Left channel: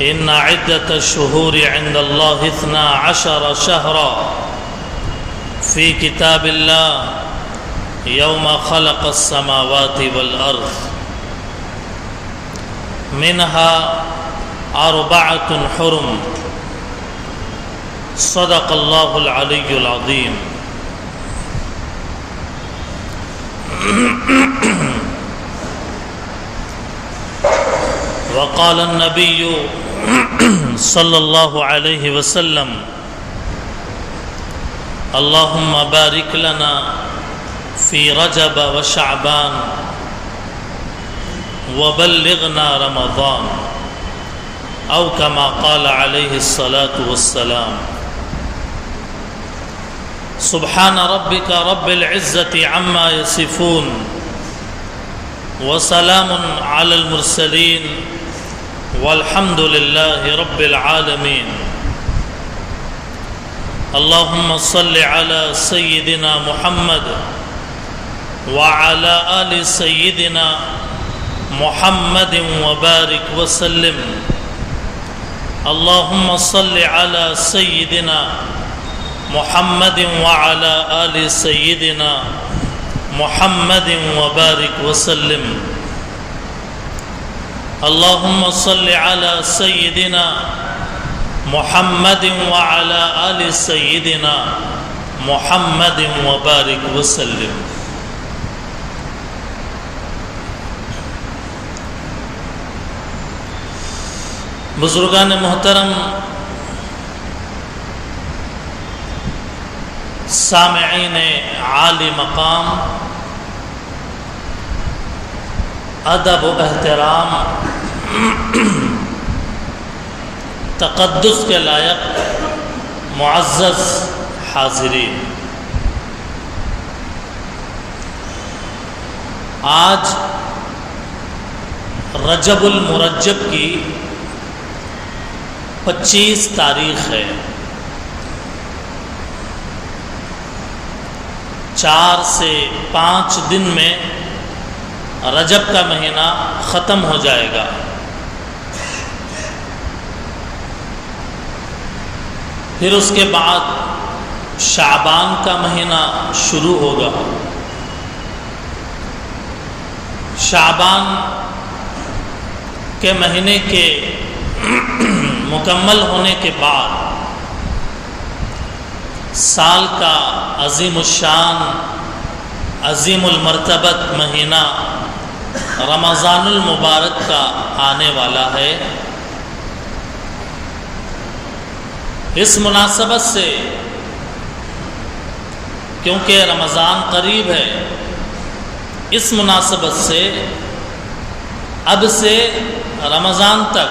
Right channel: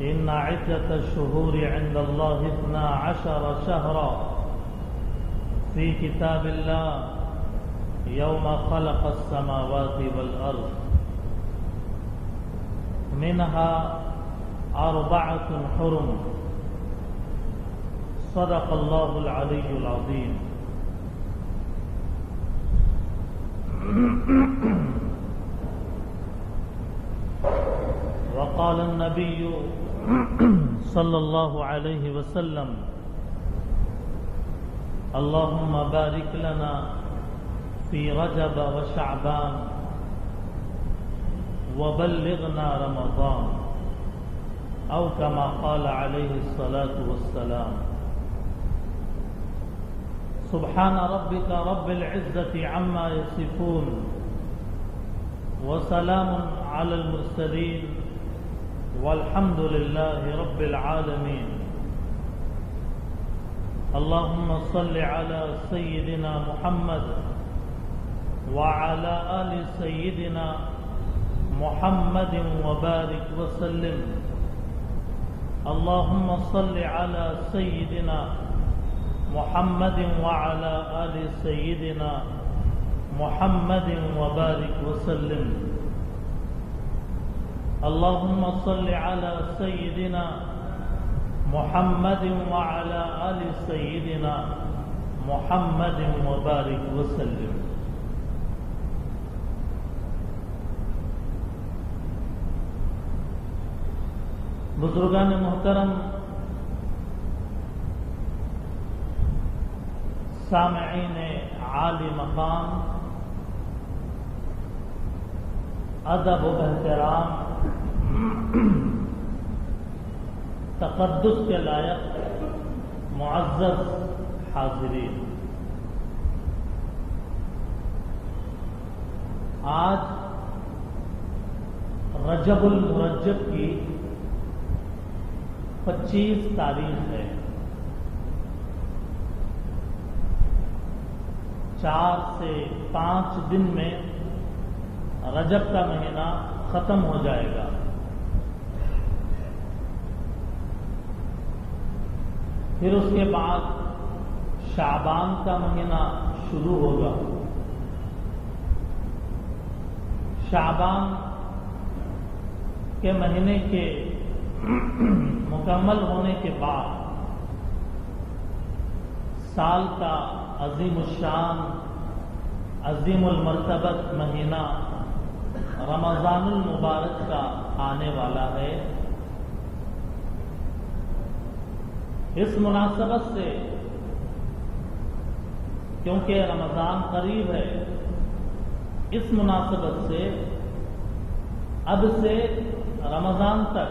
إن عدة الشهور عند الله 12 شهرا في كتاب الله يوم خلق السماوات والأرض منها 4 حرم صدق الله العلي العظيم. وقال النبي صلى الله عليه وسلم اللهم بارك لنا في رجب وشعبان وبلغنا رمضان أو كما قال عليه الصلاة والسلام. سبحان ربك رب العزة عما يصفون وسلام على المرسلين والحمد لله رب العالمين. اللهم صل على سيدنا محمد وعلى آل سيدنا محمد وبارك وسلم. اللهم صل على سيدنا محمد وعلى آل سيدنا محمد وبارك وسلم. اللهم صل على سيدنا محمد وعلى آل سيدنا محمد وبارك وسلم. بزرگان محترم، سامعین عالی مقام، ادب و احترام، تقدس کے لائق معزز حاضرین، آج رجب المرجب کی 25 تاریخ ہے. 4 سے 5 دن میں رجب کا مہینہ ختم ہو جائے گا. پھر اس کے بعد شعبان کا مہینہ شروع ہوگا. شعبان کے مہینے کے مکمل ہونے کے بعد سال کا عظیم الشان، عظیم المرتبت مہینہ رمضان المبارک کا آنے والا ہے. اس مناسبت سے، کیونکہ رمضان قریب ہے، اس مناسبت سے اب سے رمضان تک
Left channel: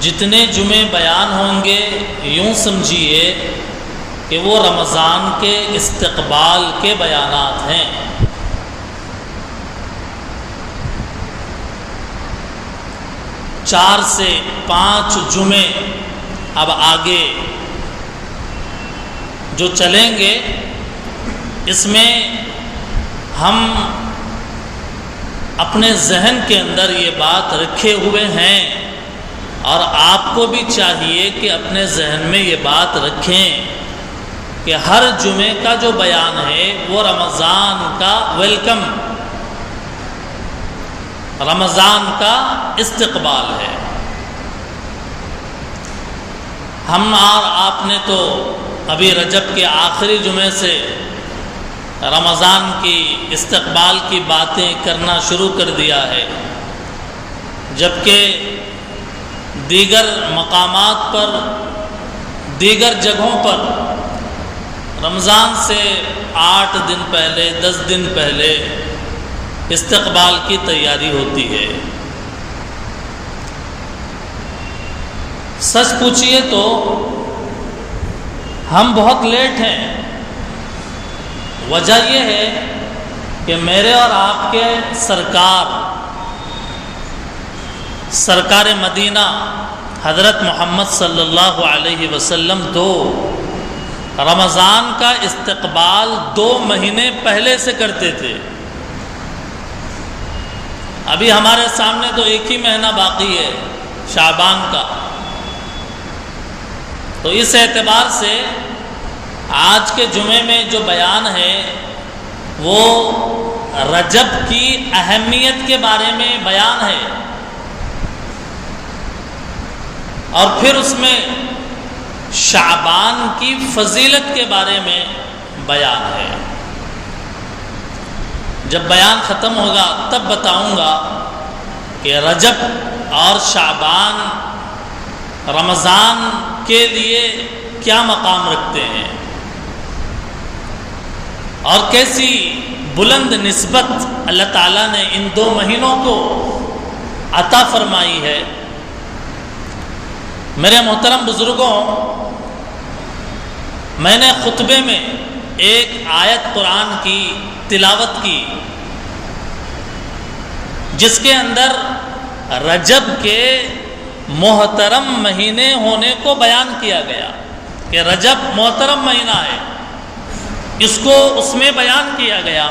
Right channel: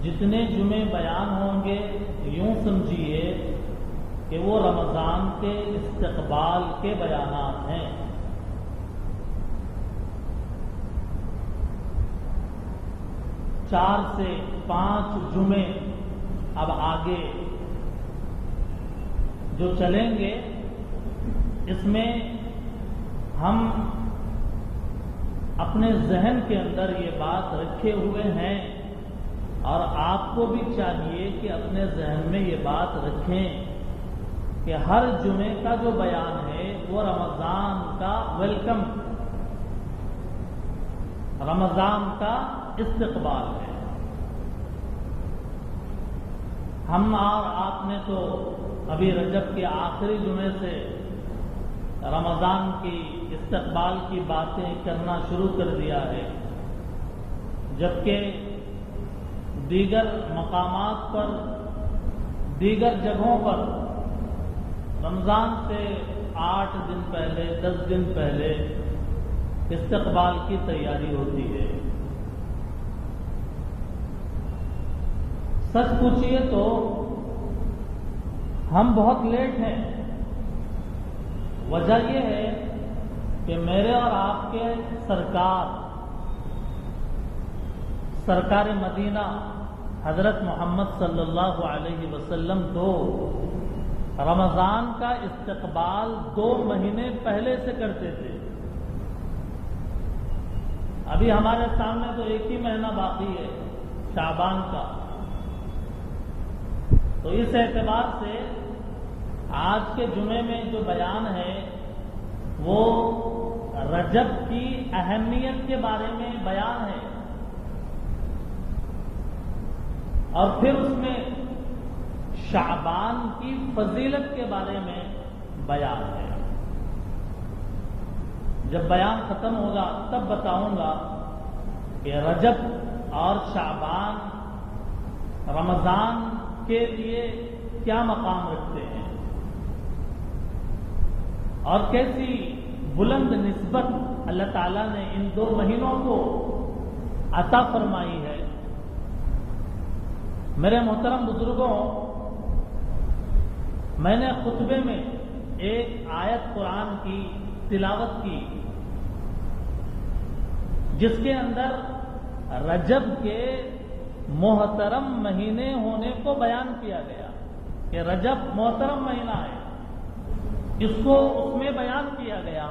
جتنے جمعے بیان ہوں گے، یوں سمجھیے کہ وہ رمضان کے استقبال کے بیانات ہیں. چار سے 5 جمعے اب آگے جو چلیں گے، اس میں ہم اپنے ذہن کے اندر یہ بات رکھے ہوئے ہیں، اور آپ کو بھی چاہیے کہ اپنے ذہن میں یہ بات رکھیں کہ ہر جمعے کا جو بیان ہے وہ رمضان کا ویلکم، رمضان کا استقبال ہے. ہم اور آپ نے تو ابھی رجب کے آخری جمعے سے رمضان کی استقبال کی باتیں کرنا شروع کر دیا ہے، جبکہ دیگر مقامات پر، دیگر جگہوں پر رمضان سے 8 دن پہلے، 10 دن پہلے استقبال کی تیاری ہوتی ہے. سچ پوچھئے تو ہم بہت لیٹ ہیں. وجہ یہ ہے کہ میرے اور آپ کے سرکار مدینہ حضرت محمد صلی اللہ علیہ وسلم تو رمضان کا استقبال 2 مہینے پہلے سے کرتے تھے. ابھی ہمارے سامنے تو 1 ہی مہینہ باقی ہے، شعبان کا۔ تو اس اعتبار سے آج کے جمعے میں جو بیان ہے وہ رجب کی اہمیت کے بارے میں بیان ہے، اور پھر اس میں شعبان کی فضیلت کے بارے میں بیان ہے۔ جب بیان ختم ہوگا تب بتاؤں گا کہ رجب اور شعبان رمضان کے لیے کیا مقام رکھتے ہیں اور کیسی بلند نسبت اللہ تعالیٰ نے ان دو مہینوں کو عطا فرمائی ہے۔ میرے محترم بزرگوں، میں نے خطبے میں ایک آیت قرآن کی تلاوت کی جس کے اندر رجب کے محترم مہینے ہونے کو بیان کیا گیا کہ رجب محترم مہینہ ہے، اس کو اس میں بیان کیا گیا۔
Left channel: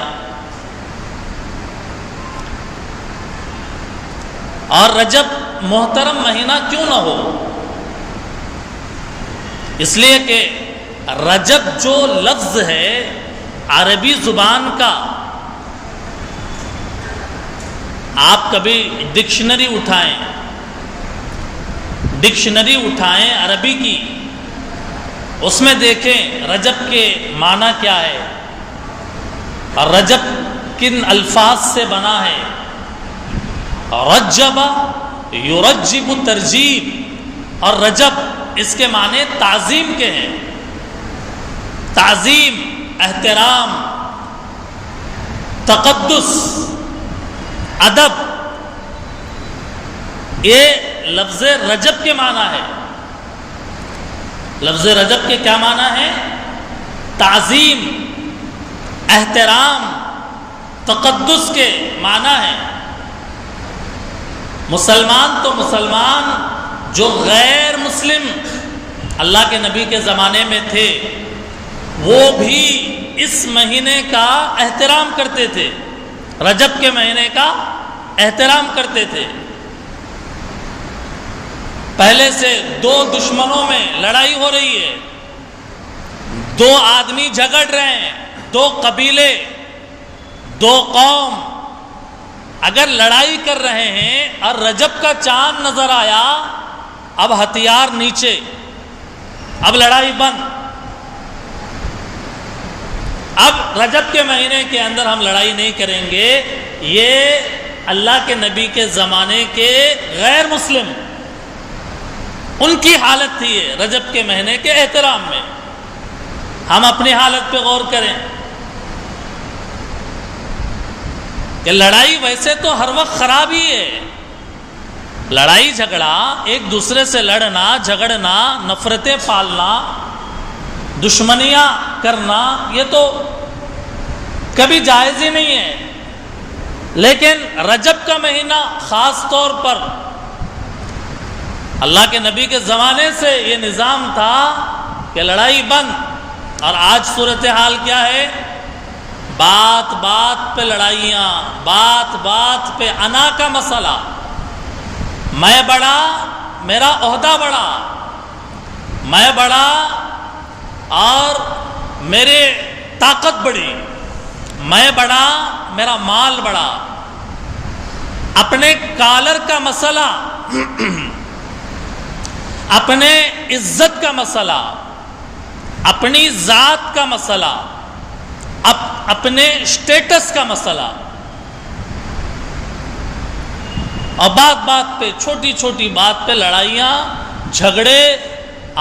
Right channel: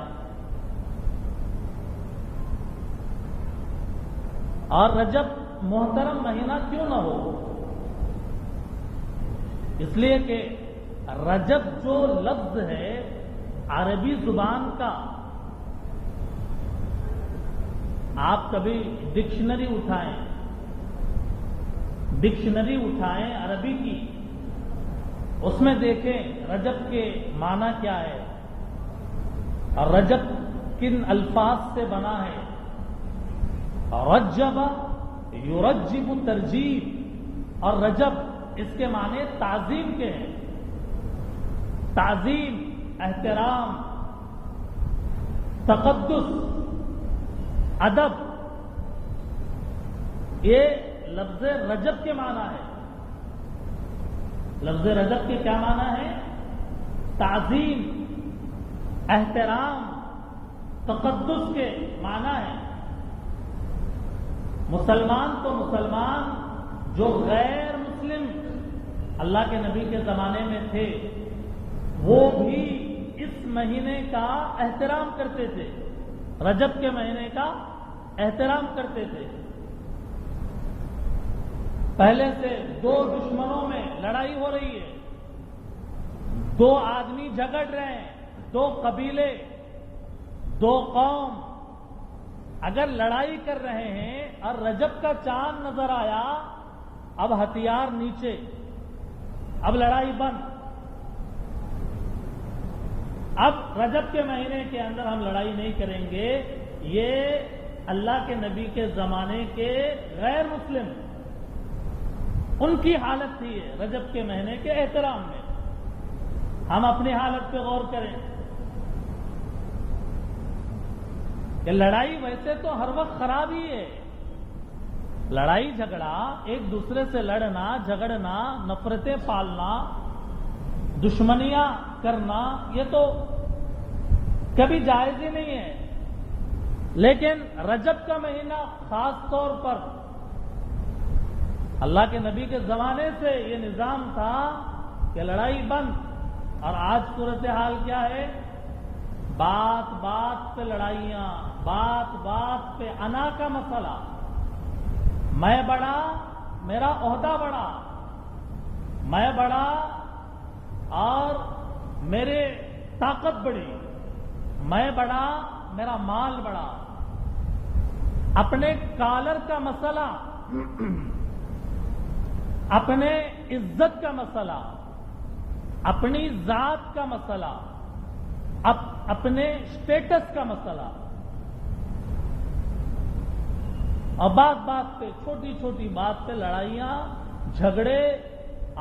اور رجب محترم مہینہ کیوں نہ ہو؟ اس لیے کہ رجب جو لفظ ہے عربی زبان کا، آپ کبھی ڈکشنری اٹھائیں عربی کی، اس میں دیکھیں رجب کے معنی کیا ہے اور رجب کن الفاظ سے بنا ہے۔ رجب یرجب ترجیب، اور رجب اس کے معنی تعظیم کے ہیں، تعظیم، احترام، تقدس، ادب، یہ لفظ رجب کے معنی ہے۔ لفظ رجب کے کیا معنی ہے؟ تعظیم، احترام، تقدس کے معنی ہے۔ مسلمان تو مسلمان جو غیر مسلم اللہ کے نبی کے زمانے میں تھے وہ بھی اس مہینے کا احترام کرتے تھے، رجب کے مہینے کا احترام کرتے تھے۔ پہلے سے دو دشمنوں میں لڑائی ہو رہی ہے، دو آدمی جھگڑ رہے ہیں، دو قبیلے، دو قوم اگر لڑائی کر رہے ہیں اور رجب کا چاند نظر آیا، اب ہتھیار نیچے، اب لڑائی بند۔ اب رجب کے مہینے کے اندر ہم لڑائی نہیں کریں گے، یہ اللہ کے نبی کے زمانے کے غیر مسلم ان کی حالت تھی ہے رجب کے مہینے کے احترام میں۔ ہم اپنی حالت پہ غور کریں کہ لڑائی ویسے تو ہر وقت خراب ہی ہے، لڑائی جھگڑا، ایک دوسرے سے لڑنا، جھگڑنا، نفرتیں پالنا، دشمنیاں کرنا، یہ تو کبھی جائز ہی نہیں ہے۔ لیکن رجب کا مہینہ خاص طور پر اللہ کے نبی کے زمانے سے یہ نظام تھا کہ لڑائی بند، اور آج صورتحال کیا ہے؟ بات بات پہ لڑائیاں، بات بات پہ انا کا مسئلہ، میں بڑا، میرا عہدہ بڑا، میں بڑا اور میرے طاقت بڑی، میں بڑا، میرا مال بڑا، اپنے کالر کا مسئلہ، اپنے عزت کا مسئلہ، اپنی ذات کا مسئلہ، اپنے اسٹیٹس کا مسئلہ، اور بات بات پہ، چھوٹی چھوٹی بات پہ لڑائیاں، جھگڑے،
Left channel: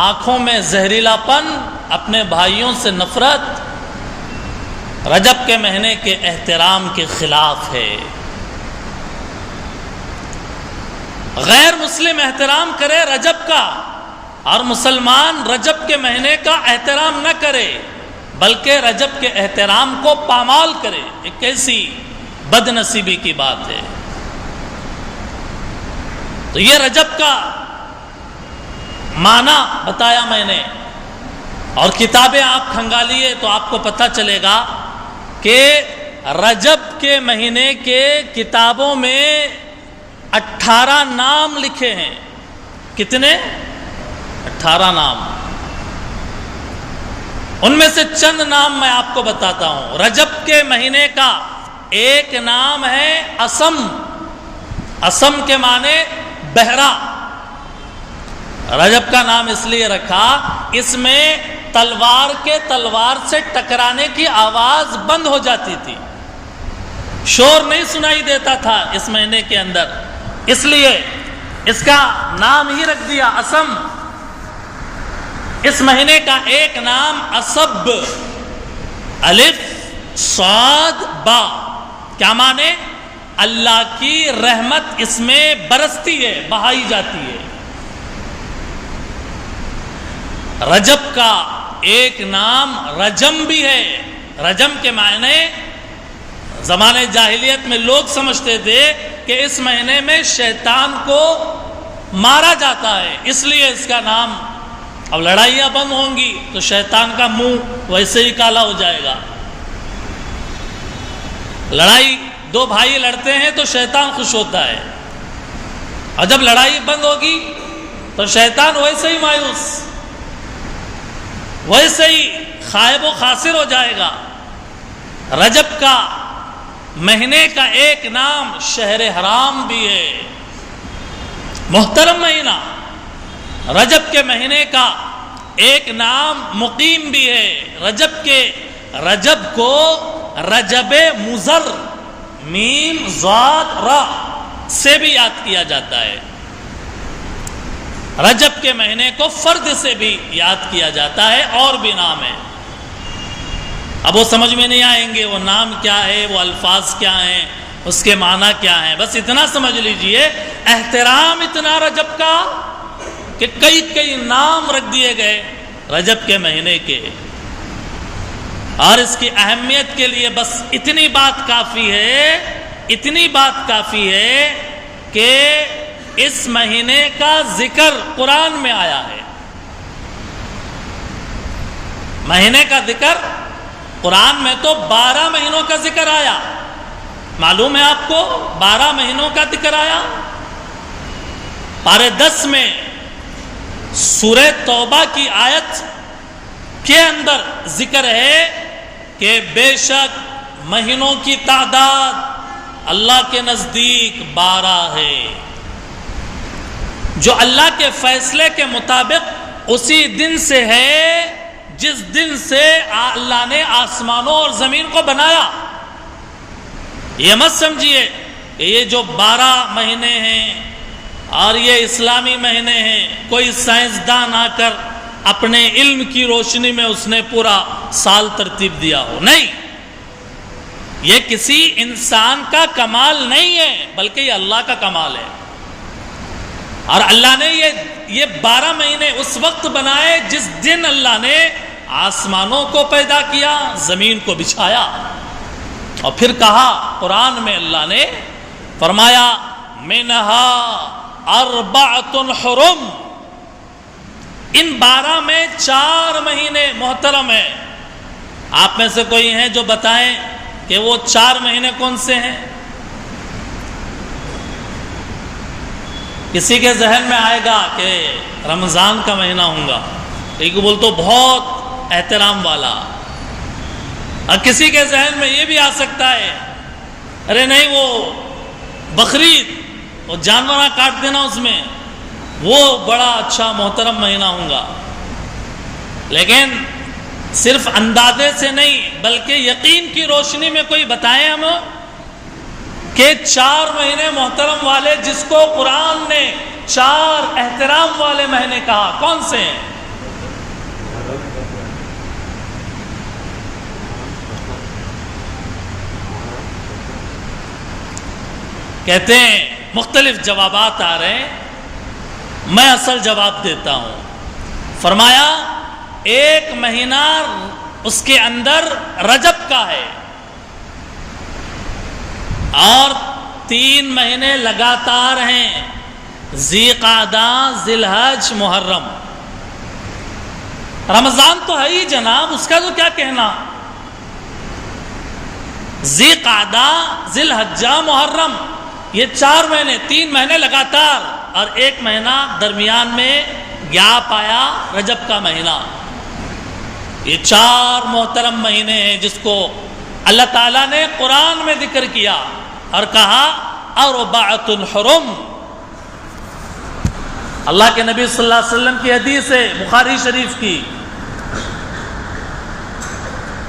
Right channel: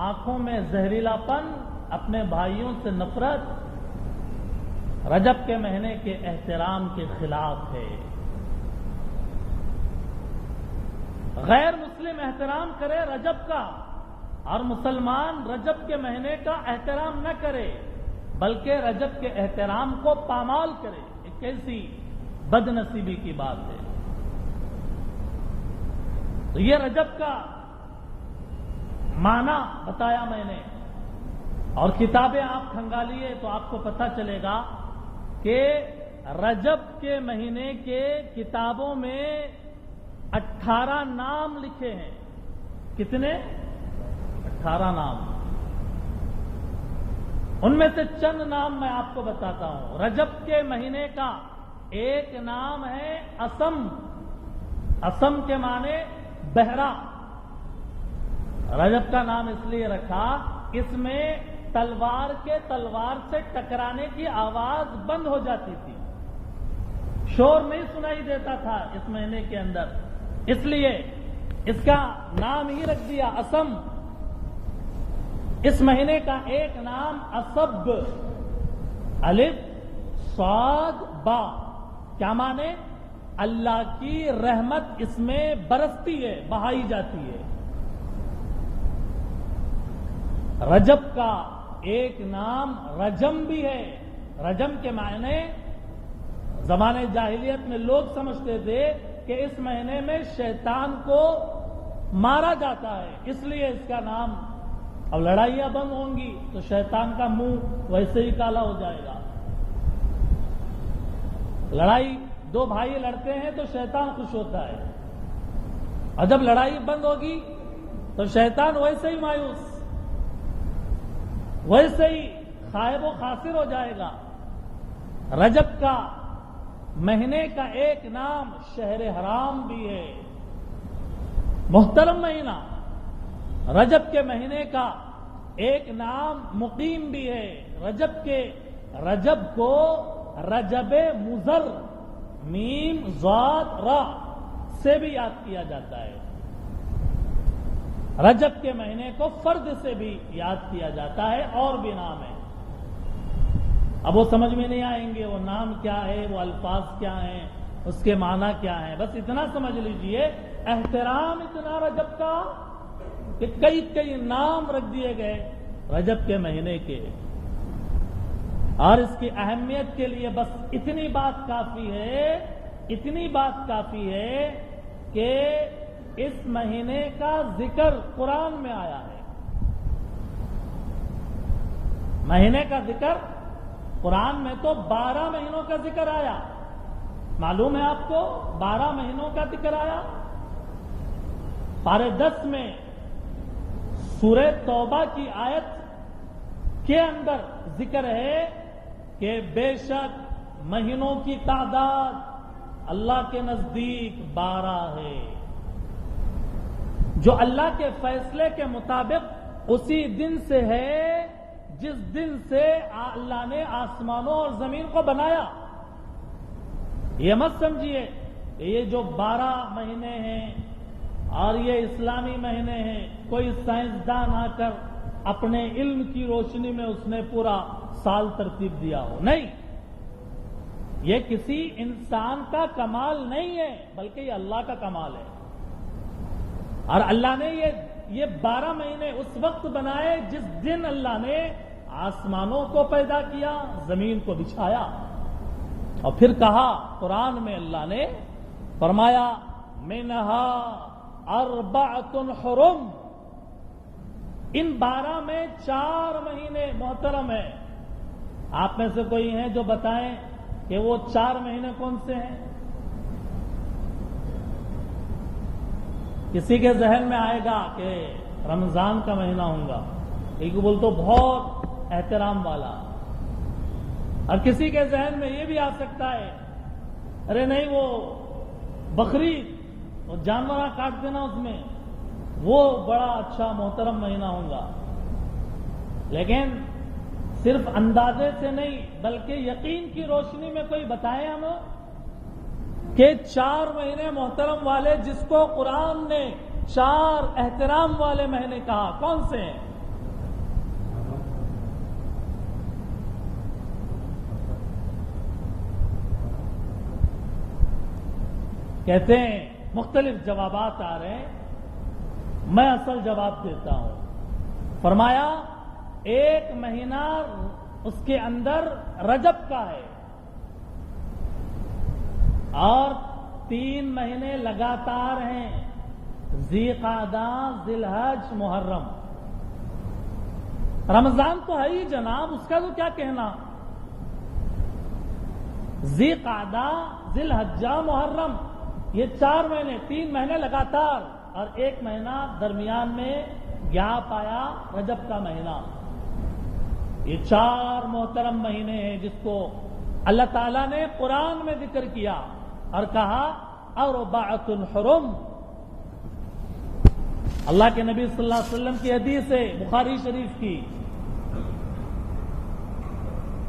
آنکھوں میں زہریلا پن، اپنے بھائیوں سے نفرت، رجب کے مہینے کے احترام کے خلاف ہے۔ غیر مسلم احترام کرے رجب کا اور مسلمان رجب کے مہینے کا احترام نہ کرے بلکہ رجب کے احترام کو پامال کرے، ایک کیسی بد نصیبی کی بات ہے۔ تو یہ رجب کا معنی بتایا میں نے، اور کتابیں آپ کھنگالیے تو آپ کو پتہ چلے گا کہ رجب کے مہینے کے کتابوں میں 18 نام لکھے ہیں، کتنے؟ 18 نام. ان میں سے چند نام میں آپ کو بتاتا ہوں. رجب کے مہینے کا ایک نام ہے اسم. اسم کے معنی بہرا. رجب کا نام اس لیے رکھا، اس میں تلوار سے ٹکرانے کی آواز بند ہو جاتی تھی، شور نہیں سنائی دیتا تھا اس مہینے کے اندر، اس لیے اس کا نام ہی رکھ دیا اسم. اس مہینے کا ایک نام اسب. الف صاد با. کیا معنی؟ اللہ کی رحمت اس میں برستی ہے، بہائی جاتی ہے. رجب کا ایک نام رجم بھی ہے. رجم کے معنی زمانے جاہلیت میں لوگ سمجھتے تھے کہ اس مہینے میں شیطان کو مارا جاتا ہے، اس لیے اس کا نام. اب لڑائیاں بند ہوں گی تو شیطان کا منہ ویسے ہی کالا ہو جائے گا. لڑائی دو بھائی لڑتے ہیں تو شیطان خوش ہوتا ہے، اور جب لڑائی بند ہوگی تو شیطان ویسے ہی مایوس، ویسے ہی خائب و خاسر ہو جائے گا. رجب کا مہینے کا ایک نام شہر حرام بھی ہے، محترم مہینہ. رجب کے مہینے کا ایک نام مقیم بھی ہے. رجب کو رجب مضر میم ضاد را سے بھی یاد کیا جاتا ہے. رجب کے مہینے کو فرد سے بھی یاد کیا جاتا ہے، اور بھی نام ہے. اب وہ سمجھ میں نہیں آئیں گے وہ نام کیا ہے، وہ الفاظ کیا ہیں، اس کے معنی کیا ہیں. بس اتنا سمجھ لیجئے احترام اتنا رجب کا کہ کئی نام رکھ دیے گئے رجب کے مہینے کے. اور اس کی اہمیت کے لیے بس اتنی بات کافی ہے کہ اس مہینے کا ذکر قرآن میں آیا ہے. مہینے کا ذکر قرآن میں تو 12 مہینوں کا ذکر آیا. معلوم ہے آپ کو 12 مہینوں کا ذکر آیا. پارے 10 میں سورہ توبہ کی آیت کے اندر ذکر ہے کہ بے شک مہینوں کی تعداد اللہ کے نزدیک 12 ہے، جو اللہ کے فیصلے کے مطابق اسی دن سے ہے جس دن سے اللہ نے آسمانوں اور زمین کو بنایا. یہ مت سمجھیے کہ یہ جو 12 مہینے ہیں اور یہ اسلامی مہینے ہیں کوئی سائنسدان آ کر اپنے علم کی روشنی میں اس نے پورا سال ترتیب دیا ہو. نہیں، یہ کسی انسان کا کمال نہیں ہے بلکہ یہ اللہ کا کمال ہے. اور اللہ نے یہ 12 مہینے اس وقت بنائے جس دن اللہ نے آسمانوں کو پیدا کیا، زمین کو بچھایا. اور پھر کہا قرآن میں اللہ نے فرمایا منہا اربعۃ حرم. ان 12 میں 4 مہینے محترم ہیں. آپ میں سے کوئی ہیں جو بتائیں کہ وہ 4 مہینے کون سے ہیں؟ کسی کے ذہن میں آئے گا کہ رمضان کا مہینہ ہوگا، ایک بول تو بہت احترام والا. اور کسی کے ذہن میں یہ بھی آ سکتا ہے ارے نہیں وہ بقرعید، وہ جانورہ کاٹ دینا اس میں، وہ بڑا اچھا محترم مہینہ ہوگا. لیکن صرف اندازے سے نہیں بلکہ یقین کی روشنی میں کوئی بتائیں ہم کہ 4 مہینے محترم والے جس کو قرآن نے 4 احترام والے مہینے کہا، کون سے ہیں؟ کہتے ہیں مختلف جوابات آ رہے ہیں، میں اصل جواب دیتا ہوں. فرمایا ایک مہینہ اس کے اندر رجب کا ہے اور 3 مہینے لگاتار ہیں، ذی قعدہ، ذی الحج، محرم. رمضان تو ہے ہی جناب، اس کا تو کیا کہنا. ذی قعدہ، ذی الحجہ، محرم، یہ 4 مہینے 3 مہینے لگاتار اور ایک مہینہ درمیان میں گیپ آیا، رجب کا مہینہ۔ یہ 4 محترم مہینے ہیں جس کو اللہ تعالیٰ نے قرآن میں ذکر کیا اور کہا اربعۃ حرم۔ اللہ کے نبی صلی اللہ علیہ وسلم کی حدیث ہے بخاری شریف کی،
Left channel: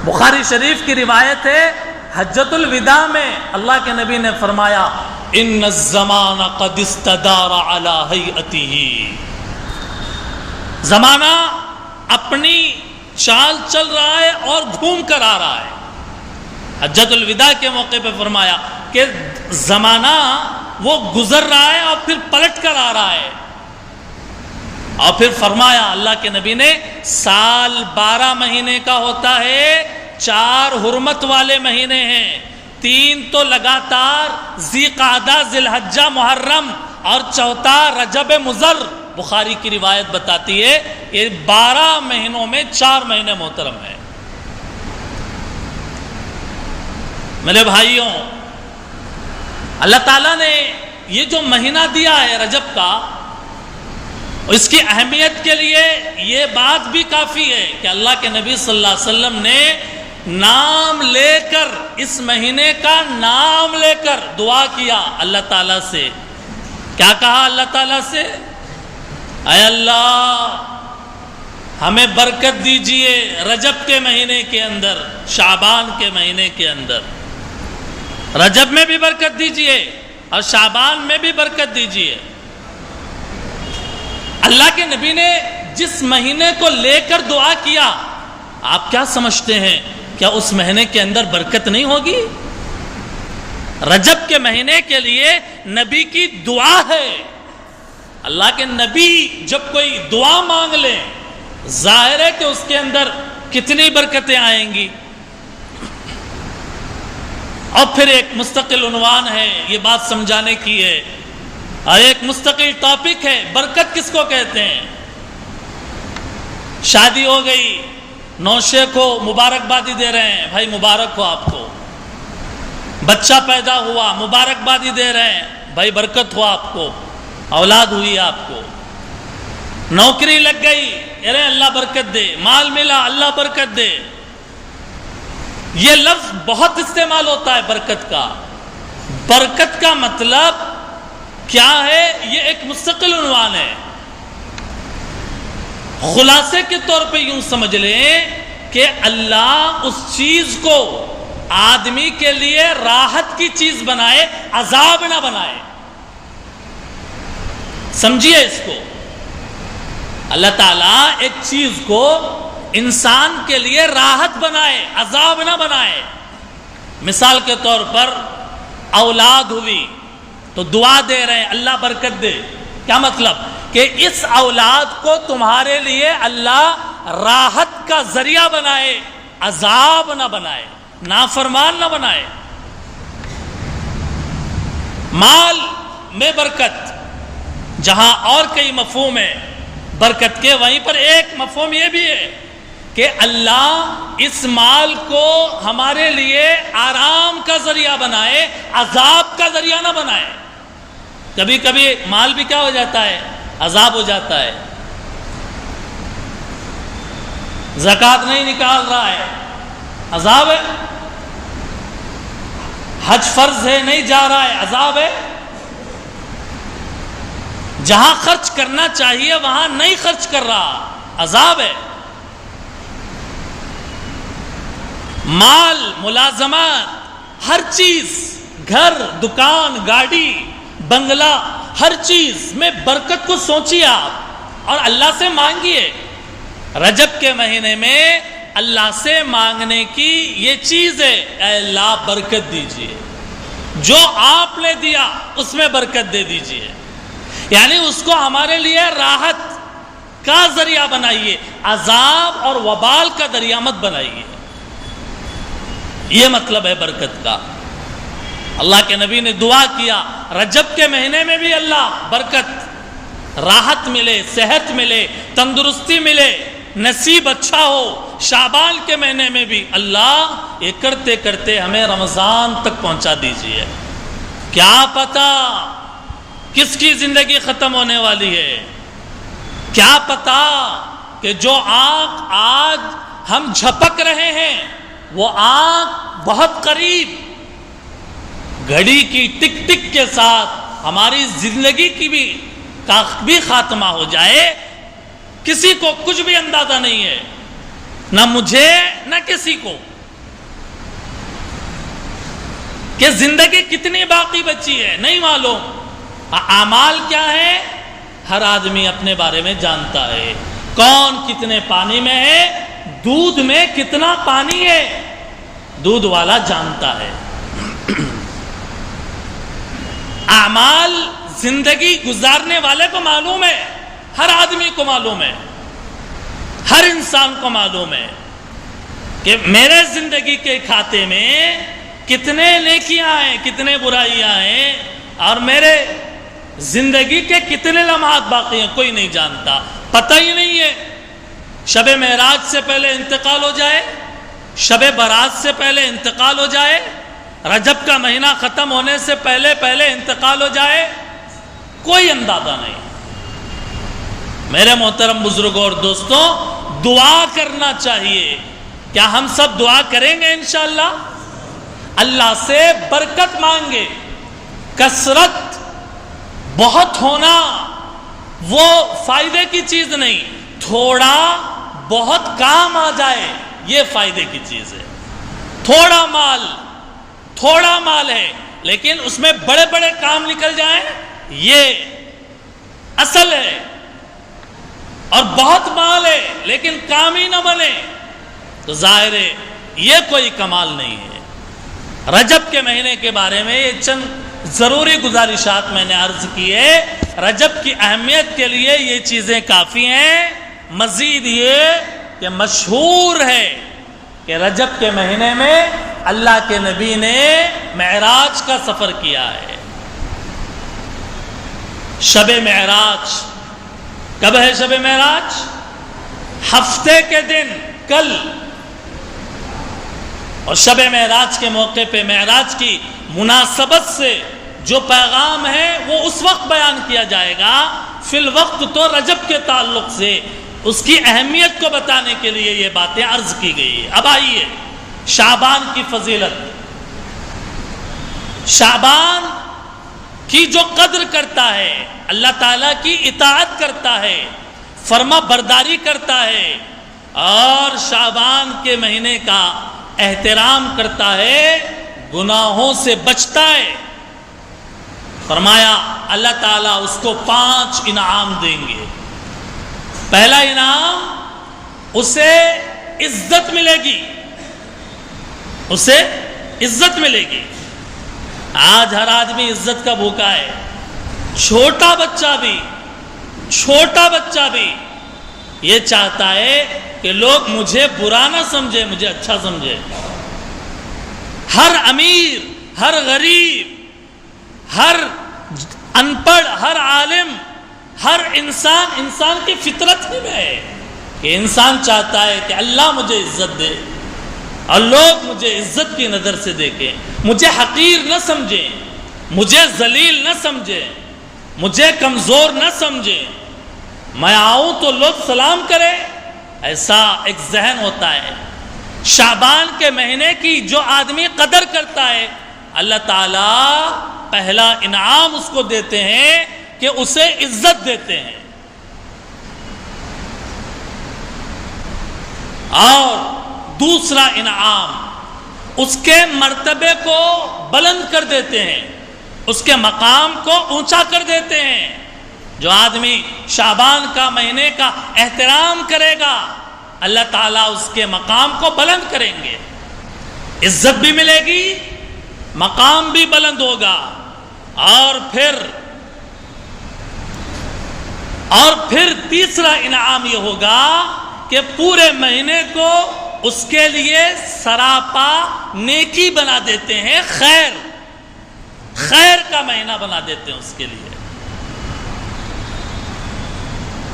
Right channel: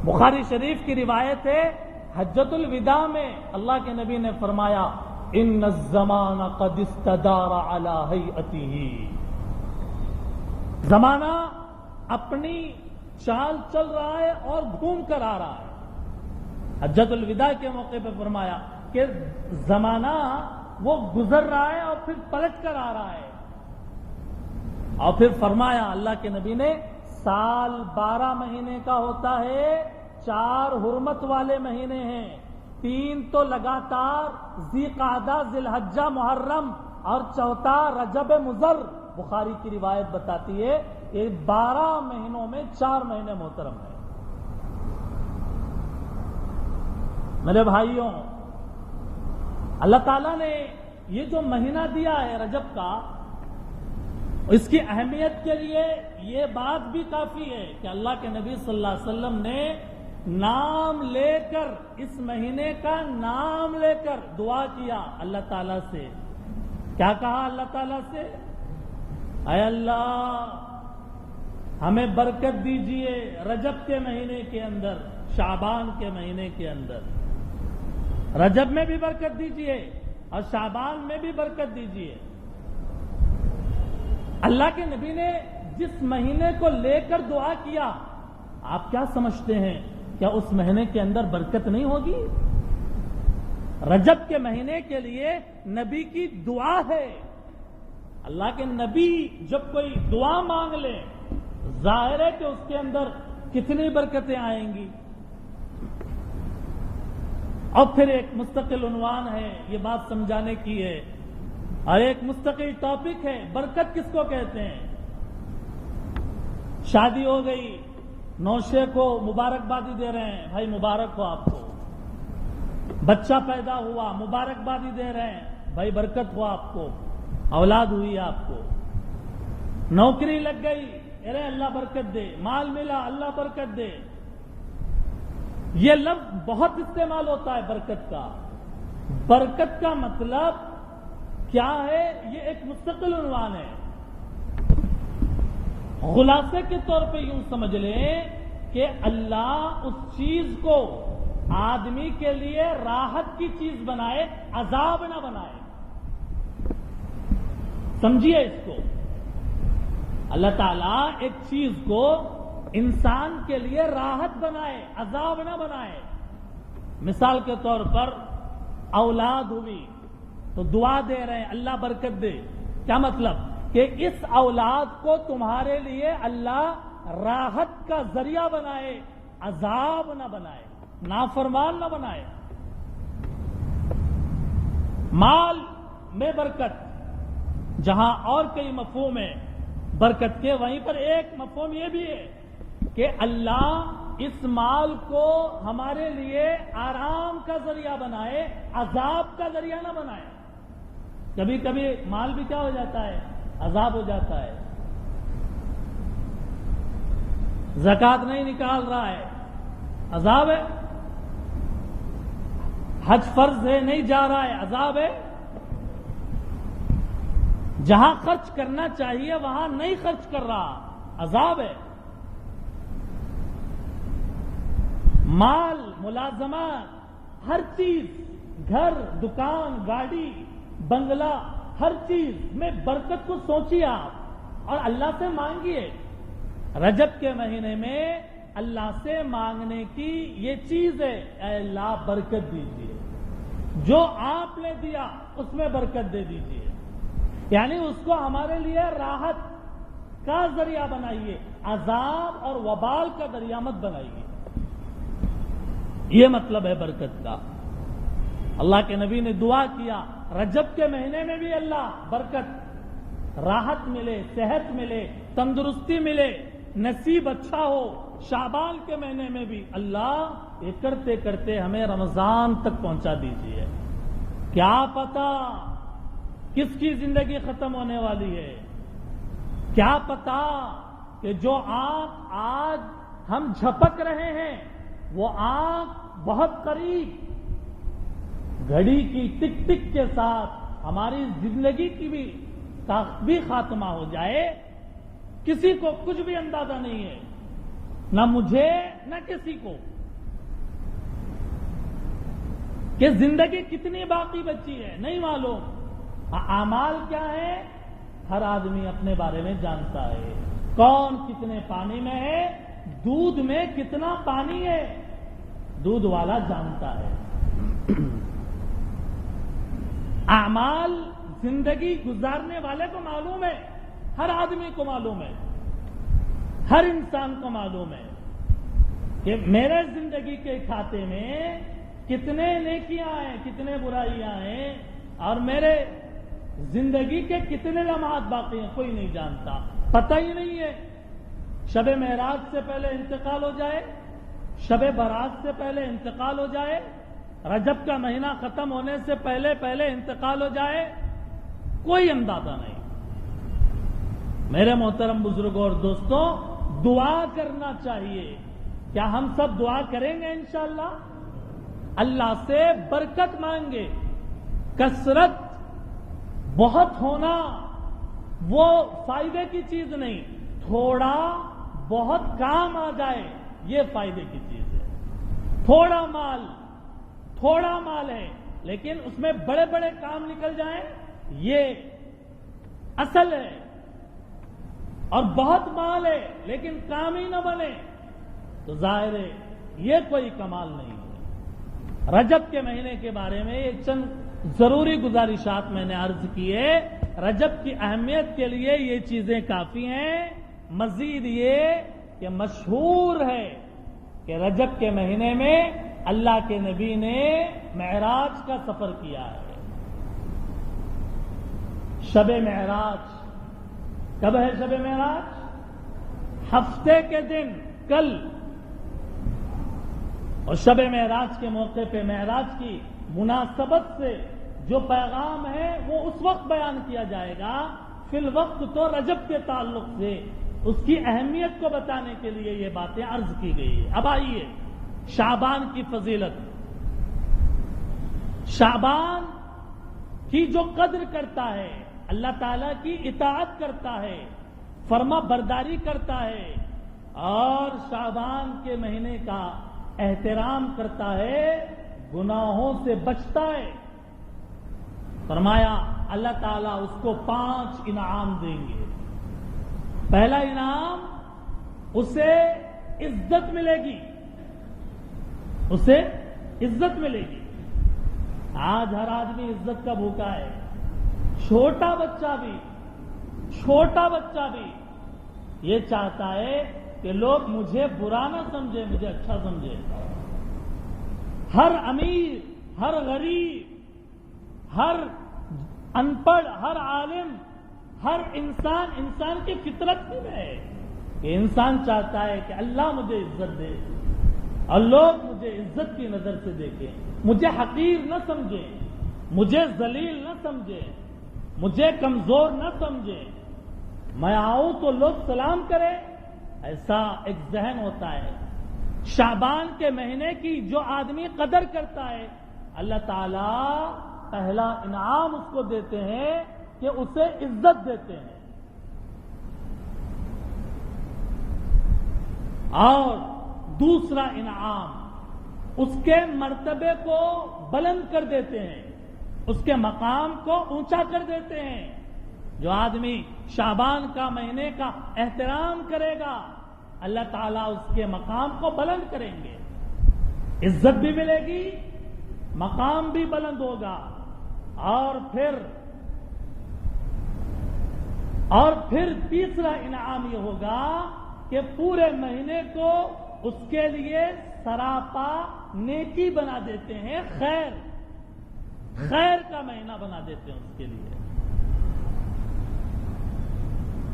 بخاری شریف کی روایت ہے، حجۃ الوداع میں اللہ کے نبی نے فرمایا ان الزمان قد استدار علی ہیئتہ، زمانہ اپنی چال چل رہا ہے اور گھوم کر آ رہا ہے۔ حجۃ الوداع کے موقع پہ فرمایا کہ زمانہ وہ گزر رہا ہے اور پھر پلٹ کر آ رہا ہے، اور پھر فرمایا اللہ کے نبی نے سال 12 مہینے کا ہوتا ہے، 4 حرمت والے مہینے ہیں، 3 تو لگاتار ذی قعدہ، ذی الحجہ، محرم، اور 4تھا رجب مضر۔ بخاری کی روایت بتاتی ہے یہ 12 مہینوں میں 4 مہینے محترم ہیں۔ میرے بھائیوں، اللہ تعالیٰ نے یہ جو مہینہ دیا ہے رجب کا، اس کی اہمیت کے لیے یہ بات بھی کافی ہے کہ اللہ کے نبی صلی اللہ علیہ وسلم نے نام لے کر، اس مہینے کا نام لے کر دعا کیا اللہ تعالیٰ سے۔ کیا کہا اللہ تعالیٰ سے؟ اے اللہ ہمیں برکت دیجئے رجب کے مہینے کے اندر، شعبان کے مہینے کے اندر، رجب میں بھی برکت دیجئے اور شعبان میں بھی برکت دیجئے۔ اللہ کے نبی نے جس مہینے کو لے کر دعا کیا، آپ کیا سمجھتے ہیں کیا اس مہینے کے اندر برکت نہیں ہوگی؟ رجب کے مہینے کے لیے نبی کی دعا ہے۔ اللہ کے نبی جب کوئی دعا مانگ لیں، ظاہر ہے کہ اس کے اندر کتنی برکتیں آئیں گی۔ اور پھر ایک مستقل عنوان ہے، یہ بات سمجھانے کی ہے، اور ایک مستقل ٹاپک ہے، برکت کس کو کہتے ہیں؟ شادی ہو گئی، نوشے کو مبارکبادی دے رہے ہیں، بھائی مبارک ہو آپ کو۔ بچہ پیدا ہوا، مبارکبادی دے رہے ہیں، بھائی برکت ہو آپ کو، اولاد ہوئی آپ کو۔ نوکری لگ گئی، ارے اللہ برکت دے، مال ملا، اللہ برکت دے۔ یہ لفظ بہت استعمال ہوتا ہے برکت کا۔ برکت کا مطلب کیا ہے؟ یہ ایک مستقل عنوان ہے۔ خلاصے کے طور پہ یوں سمجھ لیں کہ اللہ اس چیز کو آدمی کے لیے راحت کی چیز بنائے، عذاب نہ بنائے۔ سمجھیے اس کو، اللہ تعالیٰ ایک چیز کو انسان کے لیے راحت بنائے، عذاب نہ بنائے۔ مثال کے طور پر اولاد ہوئی تو دعا دے رہے ہیں اللہ برکت دے۔ کیا مطلب؟ کہ اس اولاد کو تمہارے لیے اللہ راحت کا ذریعہ بنائے، عذاب نہ بنائے، نافرمان نہ بنائے۔ مال میں برکت، جہاں اور کئی مفہوم ہیں برکت کے، وہیں پر ایک مفہوم یہ بھی ہے کہ اللہ اس مال کو ہمارے لیے آرام کا ذریعہ بنائے، عذاب کا ذریعہ نہ بنائے۔ کبھی کبھی مال بھی کیا ہو جاتا ہے؟ عذاب ہو جاتا ہے۔ زکوٰۃ نہیں نکال رہا ہے، عذاب ہے۔ حج فرض ہے، نہیں جا رہا ہے، عذاب ہے۔ جہاں خرچ کرنا چاہیے وہاں نہیں خرچ کر رہا، عذاب ہے۔ مال، ملازمات، ہر چیز، گھر، دکان، گاڑی، بنگلہ، ہر چیز میں برکت کو سوچیے آپ اور اللہ سے مانگیے۔ رجب کے مہینے میں اللہ سے مانگنے کی یہ چیز ہے، اے اللہ برکت دیجئے، جو آپ نے دیا اس میں برکت دے دیجئے، یعنی اس کو ہمارے لیے راحت کا ذریعہ بنائیے، عذاب اور وبال کا ذریعہ مت بنائیے۔ یہ مطلب ہے برکت کا۔ اللہ کے نبی نے دعا کیا رجب کے مہینے میں بھی اللہ برکت، راحت ملے، صحت ملے، تندرستی ملے، نصیب اچھا ہو۔ شعبان کے مہینے میں بھی اللہ یہ کرتے کرتے ہمیں رمضان تک پہنچا دیجئے۔ کیا پتہ کس کی زندگی ختم ہونے والی ہے؟ کیا پتا کہ جو آنکھ آج ہم جھپک رہے ہیں وہ آنکھ بہت قریب گھڑی کی ٹک ٹک کے ساتھ ہماری زندگی کی بھی خاتمہ ہو جائے. کسی کو کچھ بھی اندازہ نہیں ہے، نہ مجھے نہ کسی کو، کہ زندگی کتنی باقی بچی ہے نہیں معلوم. اعمال کیا ہے ہر آدمی اپنے بارے میں جانتا ہے. کون کتنے پانی میں ہے، دودھ میں کتنا پانی ہے دودھ والا جانتا ہے. اعمال زندگی گزارنے والے کو معلوم ہے، ہر آدمی کو معلوم ہے، ہر انسان کو معلوم ہے کہ میرے زندگی کے کھاتے میں کتنے نیکیاں ہیں، کتنے برائیاں ہیں، اور میرے زندگی کے کتنے لمحات باقی ہیں کوئی نہیں جانتا، پتہ ہی نہیں ہے. شب معراج سے پہلے انتقال ہو جائے، شب برات سے پہلے انتقال ہو جائے، رجب کا مہینہ ختم ہونے سے پہلے انتقال ہو جائے، کوئی اندازہ نہیں. میرے محترم بزرگوں اور دوستوں، دعا کرنا چاہیے. کیا ہم سب دعا کریں گے انشاءاللہ؟ اللہ سے برکت مانگے. کثرت بہت ہونا وہ فائدے کی چیز نہیں، تھوڑا بہت کام آ جائے یہ فائدے کی چیز ہے. تھوڑا مال ہے لیکن اس میں بڑے بڑے کام نکل جائیں یہ اصل ہے، اور بہت مال ہے لیکن کام ہی نہ بنے تو ظاہر ہے یہ کوئی کمال نہیں ہے. رجب کے مہینے کے بارے میں یہ چند ضروری گزارشات میں نے عرض کی ہے. رجب کی اہمیت کے لیے یہ چیزیں کافی ہیں. مزید یہ کہ مشہور ہے کہ رجب کے مہینے میں اللہ کے نبی نے معراج کا سفر کیا ہے. شب معراج کب ہے؟ شب معراج ہفتے کے دن کل. اور شب معراج کے موقع پہ معراج کی مناسبت سے جو پیغام ہے وہ اس وقت بیان کیا جائے گا. فی الوقت تو رجب کے تعلق سے اس کی اہمیت کو بتانے کے لیے یہ باتیں عرض کی گئی. اب آئیے شعبان کی فضیلت. شعبان کی جو قدر کرتا ہے، اللہ تعالیٰ کی اطاعت کرتا ہے، فرما برداری کرتا ہے، اور شعبان کے مہینے کا احترام کرتا ہے، گناہوں سے بچتا ہے، فرمایا اللہ تعالیٰ اس کو 5 انعام دیں گے. پہلا انعام، اسے عزت ملے گی، اسے عزت ملے گی. آج ہر آدمی عزت کا بھوکا ہے. چھوٹا بچہ بھی یہ چاہتا ہے کہ لوگ مجھے برا نہ سمجھے، مجھے اچھا سمجھے. ہر امیر، ہر غریب، ہر ان پڑھ، ہر عالم، ہر انسان کی فطرت ہی میں ہے کہ انسان چاہتا ہے کہ اللہ مجھے عزت دے اور لوگ مجھے عزت کی نظر سے دیکھیں، مجھے حقیر نہ سمجھیں، مجھے ذلیل نہ سمجھیں، مجھے کمزور نہ سمجھیں. میں آؤں تو لوگ سلام کریں، ایسا ایک ذہن ہوتا ہے. شعبان کے مہینے کی جو آدمی قدر کرتا ہے، اللہ تعالیٰ پہلا انعام اس کو دیتے ہیں کہ اسے عزت دیتے ہیں، اور دوسرا انعام اس کے مرتبے کو بلند کر دیتے ہیں، اس کے مقام کو اونچا کر دیتے ہیں. جو آدمی شعبان کا مہینے کا احترام کرے گا اللہ تعالیٰ اس کے مقام کو بلند کریں گے، عزت بھی ملے گی، مقام بھی بلند ہوگا. اور پھر تیسرا انعام یہ ہوگا کہ پورے مہینے کو اس کے لیے سراپا نیکی بنا دیتے ہیں، خیر کا مہینہ بنا دیتے ہیں اس کے لیے.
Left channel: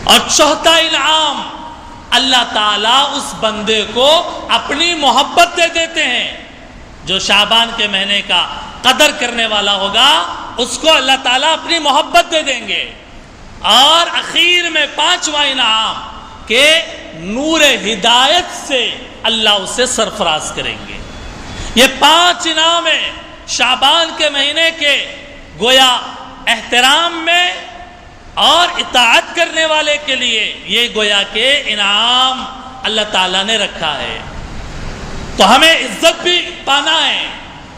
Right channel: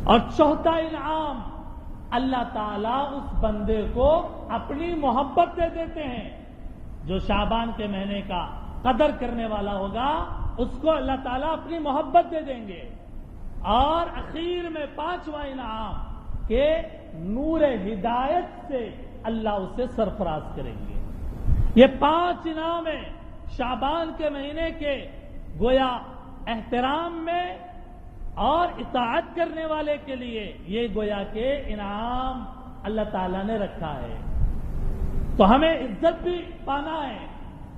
اور چوتھا انعام، اللہ تعالیٰ اس بندے کو اپنی محبت دے دیتے ہیں. جو شعبان کے مہینے کا قدر کرنے والا ہوگا اس کو اللہ تعالیٰ اپنی محبت دے دیں گے. اور اخیر میں 5واں انعام کہ نور ہدایت سے اللہ اسے سرفراز کریں گے. یہ 5 انعام ہیں شعبان کے مہینے کے گویا احترام میں اور اطاعت کرنے والے کے لیے یہ گویا کہ انعام اللہ تعالیٰ نے رکھا ہے. تو ہمیں عزت بھی پانا ہے،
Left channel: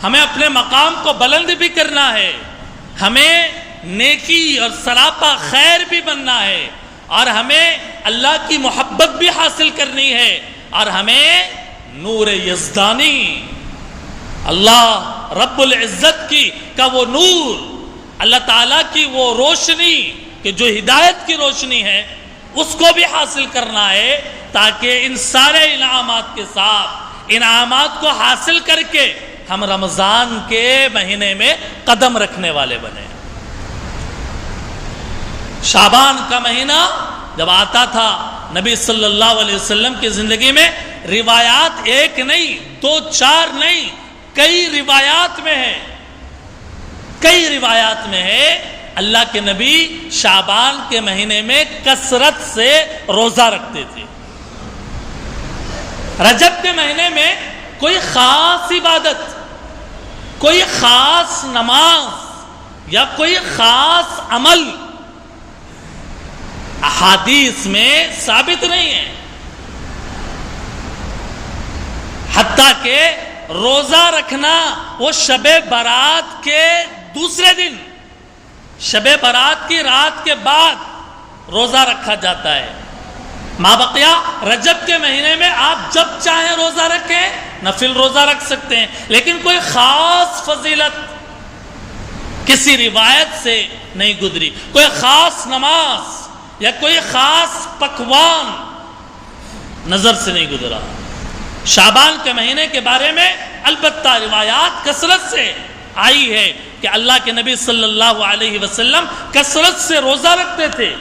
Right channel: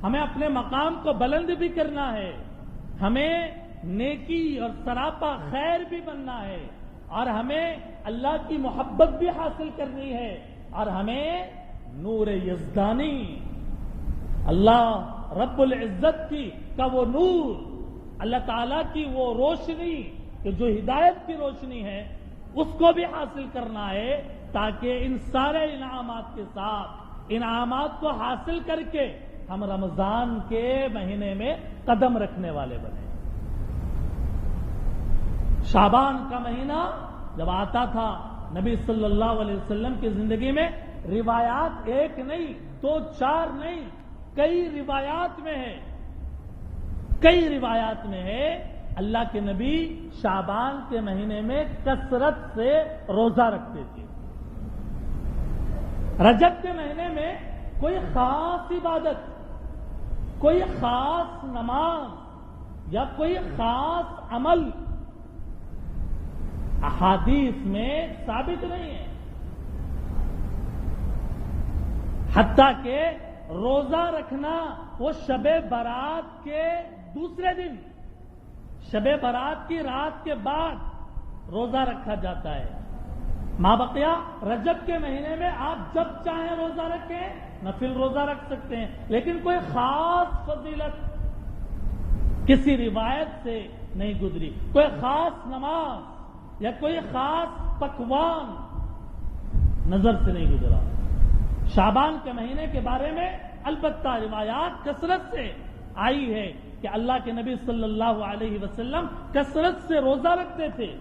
ہمیں اپنے مقام کو بلند بھی کرنا ہے، ہمیں نیکی اور سراپا خیر بھی بننا ہے، اور ہمیں اللہ کی محبت بھی حاصل کرنی ہے، اور ہمیں نور یزدانی اللہ رب العزت کا وہ نور، اللہ تعالیٰ کی وہ روشنی کہ جو ہدایت کی روشنی ہے اس کو بھی حاصل کرنا ہے، تاکہ ان سارے انعامات کے ساتھ انعامات کو حاصل کر کے ہم رمضان کے مہینے میں قدم رکھنے والے بنے. شعبان کا مہینہ جب آتا تھا نبی صلی اللہ علیہ وسلم کی زندگی میں روایات 1 نہیں 2 4 نہیں کئی روایات میں ہے اللہ کے نبی شعبان کے مہینے میں کثرت سے روزہ رکھتے تھے. رجب کے مہینے میں کوئی خاص عبادت، کوئی خاص نماز یا کوئی خاص عمل احادیث میں ثابت نہیں ہے. حتیٰ کہ روزہ رکھنا وہ شب برات کے دوسرے دن، شب برات کی رات کے بعد روزہ رکھا جاتا ہے. مابقیہ رجب کے مہینے میں آپ جب چاہیں روزہ رکھیں، نفل روزہ رکھ سکتے ہیں، لیکن کوئی خاص فضیلت کسی روایت سے نہیں گزری، کوئی خاص نماز یا کوئی خاص پکوان نظر سے نہیں گزرا. شعبان کے مہینے کے بارے میں البتہ روایات کثرت سے آئی ہے کہ اللہ کے نبی صلی اللہ علیہ وسلم کثرت سے روزہ رکھتے تھے.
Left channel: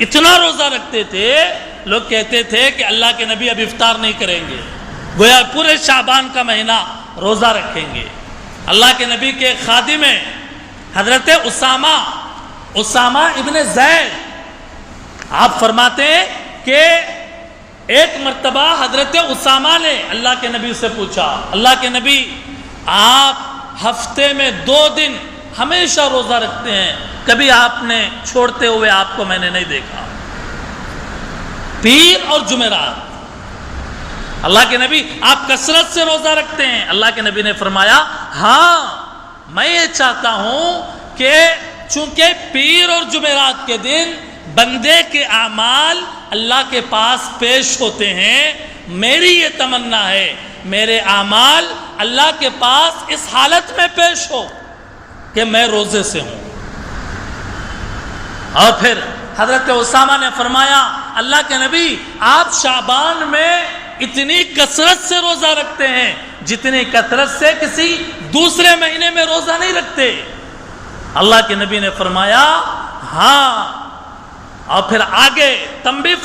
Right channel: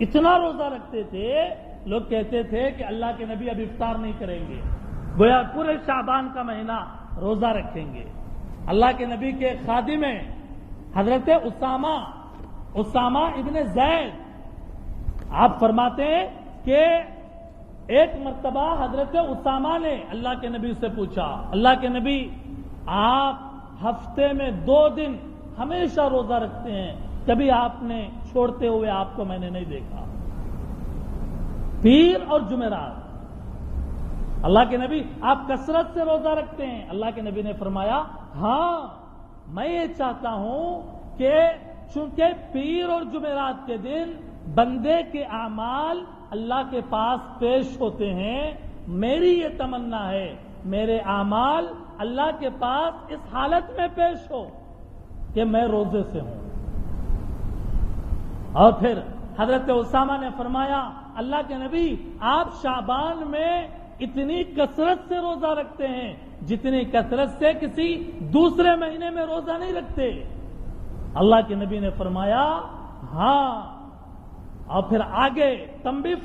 اتنا روزہ رکھتے تھے لوگ کہتے تھے کہ اللہ کے نبی اب افطار نہیں کریں گے، گویا پورے شعبان کا مہینہ روزہ رکھیں گے. اللہ کے نبی کے خادم حضرت اسامہ ابن زید، آپ فرماتے ہیں کہ ایک مرتبہ حضرت اسامہ نے اللہ کے نبی سے پوچھا، اللہ کے نبی آپ ہفتے میں 2 دن ہمیشہ روزہ رکھتے ہیں، کبھی آپ نے چھوڑتے ہوئے آپ کو میں نے نہیں دیکھا، پیر اور جمعرات. اللہ کے نبی آپ کثرت سے روزہ رکھتے ہیں. اللہ کے نبی نے فرمایا ہاں میں یہ چاہتا ہوں کہ چونکہ پیر اور جمعرات کے دن بندے کے اعمال اللہ کے پاس پیش ہوتے ہیں، میری یہ تمنا ہے میرے اعمال اللہ کے پاس اس حالت میں پیش ہو کہ میں روزے سے ہوں. اور پھر حضرت اسامہ نے فرمایا اللہ کے نبی آپ شعبان میں اتنی کثرت سے روزہ رکھتے ہیں جتنی کثرت سے کسی دوسرے مہینے میں روزہ نہیں رکھتے. اللہ کے نبی نے فرمایا ہاں، اور پھر آگے تنبیہ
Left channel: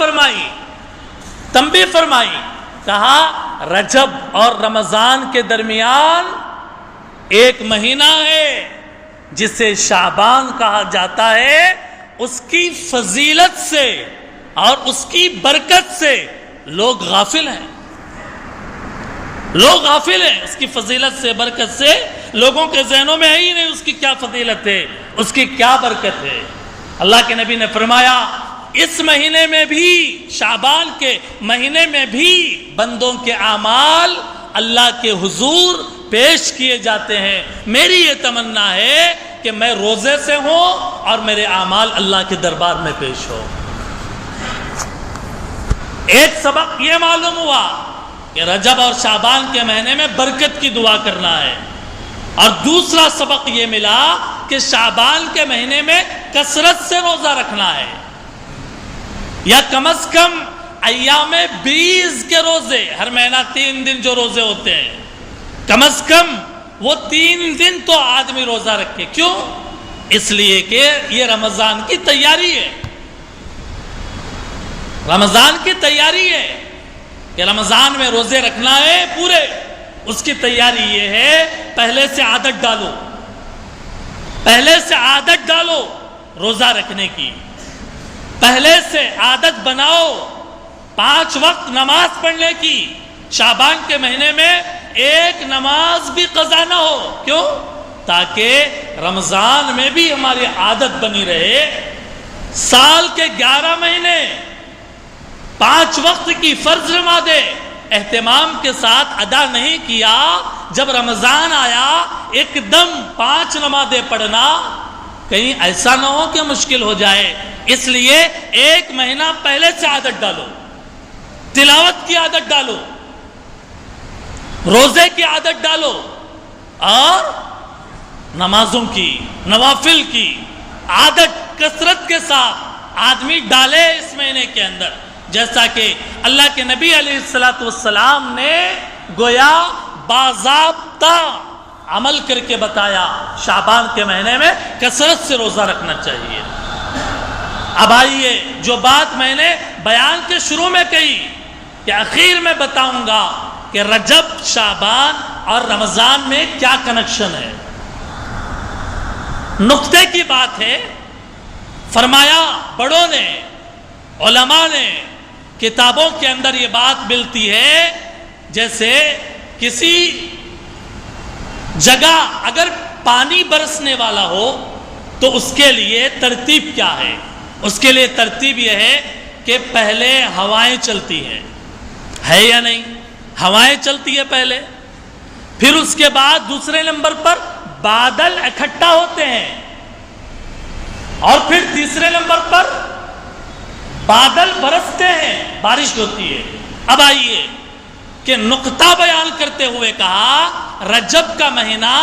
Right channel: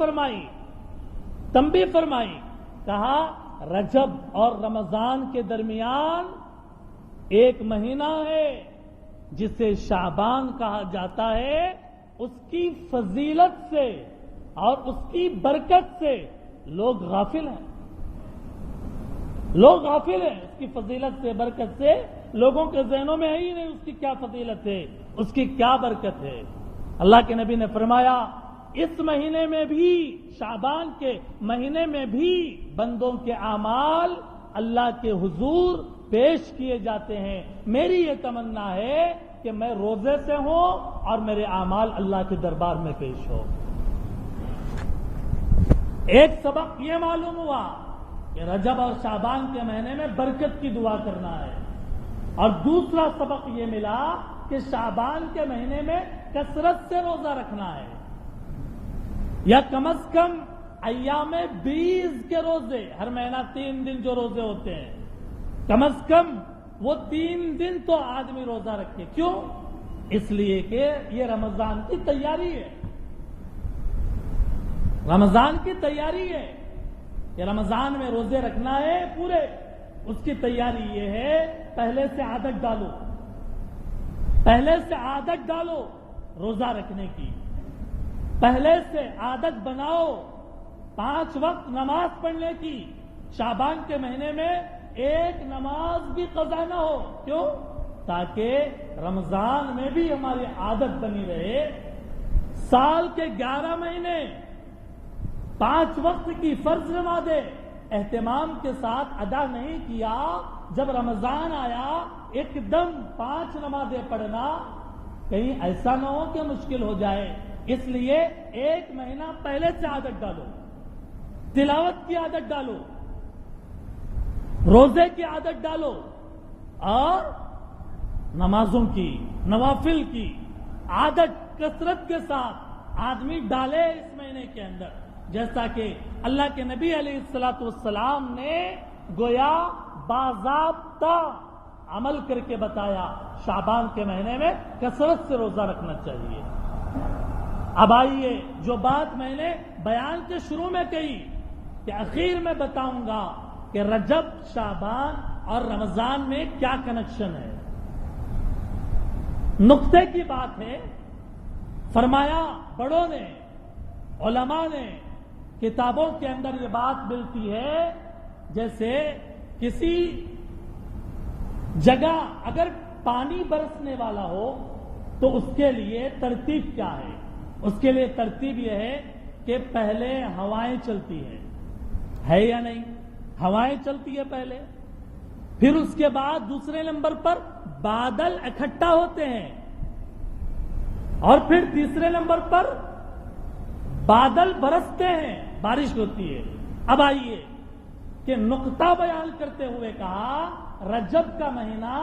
فرمائی کہا رجب اور رمضان کے درمیان ایک مہینہ ہے جسے شعبان کہا جاتا ہے. اس کی فضیلت سے اور اس کی برکت سے لوگ غافل ہیں. اس کی فضیلت سے برکت سے لوگوں کے ذہنوں میں ہے ہی نہیں اس کی کیا فضیلت ہے، اس کی کیا برکت ہے. اللہ کے نبی نے فرمایا اس مہینے میں بھی، شعبان کے مہینے میں بھی بندوں کے اعمال اللہ کے حضور پیش کیے جاتے ہیں. میری یہ تمنا ہے کہ میں روزے سے ہوں اور میرے اعمال اللہ کے دربار میں پیش ہو. ایک سبق یہ معلوم ہوا کہ رجب اور شعبان کے مہینے میں برکت کی دعا کرنا ہے، اور دوسرا سبق یہ ملا کہ شعبان کے مہینے میں کثرت سے روزہ رکھنا ہے، یا کم از کم ایام 20 کے روزے، ہر مہینہ 3 دن جو روزے ہوتے ہیں کم از کم وہ 3 دن تو آدمی روزہ رکھے. کیوں؟ اس لیے کہ یہ رمضان کی تیاری ہے. رمضان کی تیاری ہے کہ رمضان میں روزے رکھنا ہے پورے. اس کی تیاری یہ ہے پہلے سے عادت ڈالو، پہلے سے عادت ڈالو روزہ رکھنے کی، پہلے سے عادت بناؤ 5 وقت نماز پڑھنے کی۔ شعبان کے مہینے میں ایک نماز بھی قضا نہ ہو، کیوں؟ تاکہ رمضان میں بھی ہماری عادت بنی رہے۔ سال کے 11 مہینے 5 وقت کی فرض نمازیں اہتمام کے ساتھ ادا نہیں کیا، جب رمضان آیا ایک دم 5 نمازیں پڑھنا کہیں ایسا نہ ہو کہ مشکل ہو جائے، اس لیے 1 مہینہ پہلے سے عادت ڈالو، تلاوت کی عادت ڈالو، روزے کی عادت ڈالو، اور نمازوں کی، نوافل کی عادت کثرت کے ساتھ آدمی ڈالے اس مہینے کے اندر، جیسا کہ اللہ کے نبی علیہ السلام نے گویا باضابطہ عمل کر کے بتایا۔ شعبان کے مہینے میں کثرت سے روزہ رکھنا چاہیے۔ اب آئیے جو بات میں نے بیان کے شروع میں کہی کہ اخیر میں بتاؤں گا کہ رجب، شعبان اور رمضان میں کیا کنیکشن ہے۔ نقطے کی بات ہے، فرمایا بڑوں نے، علماء نے کتابوں کے اندر یہ بات ملتی ہے، جیسے کسی جگہ اگر پانی برسنے والا ہو تو اس کے لیے ترتیب کیا ہے؟ اس کے لیے ترتیب یہ ہے کہ پہلے ہوائیں چلتی ہیں، ہے یا نہیں؟ ہوائیں چلتی ہے پہلے، پھر اس کے بعد دوسرے نمبر پر بادل اکٹھا ہوتے ہیں، اور پھر تیسرے نمبر پر بادل برستے ہیں، بارش ہوتی ہے۔ اب آئیے کہ نقطہ بیان کرتے ہوئے کہا رجب کا مہینہ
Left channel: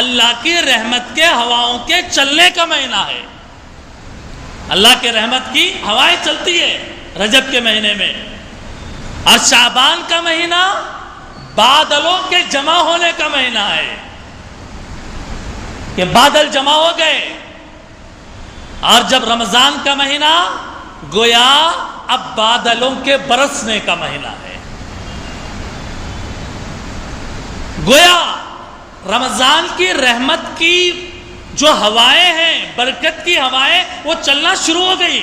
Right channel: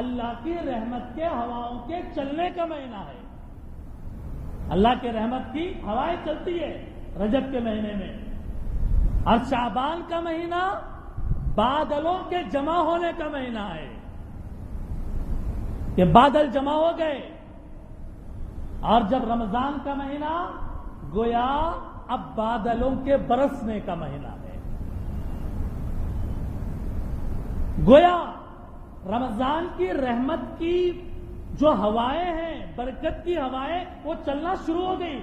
اللہ کی رحمت کے ہواؤں کے چلنے کا مہینہ ہے۔ اللہ کے رحمت کی ہوائیں چلتی ہے رجب کے مہینے میں، اور شعبان کا مہینہ بادلوں کے جمع ہونے کا مہینہ ہے کہ بادل جمع ہو گئے، اور جب رمضان کا مہینہ گویا اب بادلوں کے برسنے کا مہینہ ہے۔ گویا رمضان کی رحمت کی جو ہوائیں ہیں، برکت کی ہوائیں، وہ چلنا شروع ہو گئی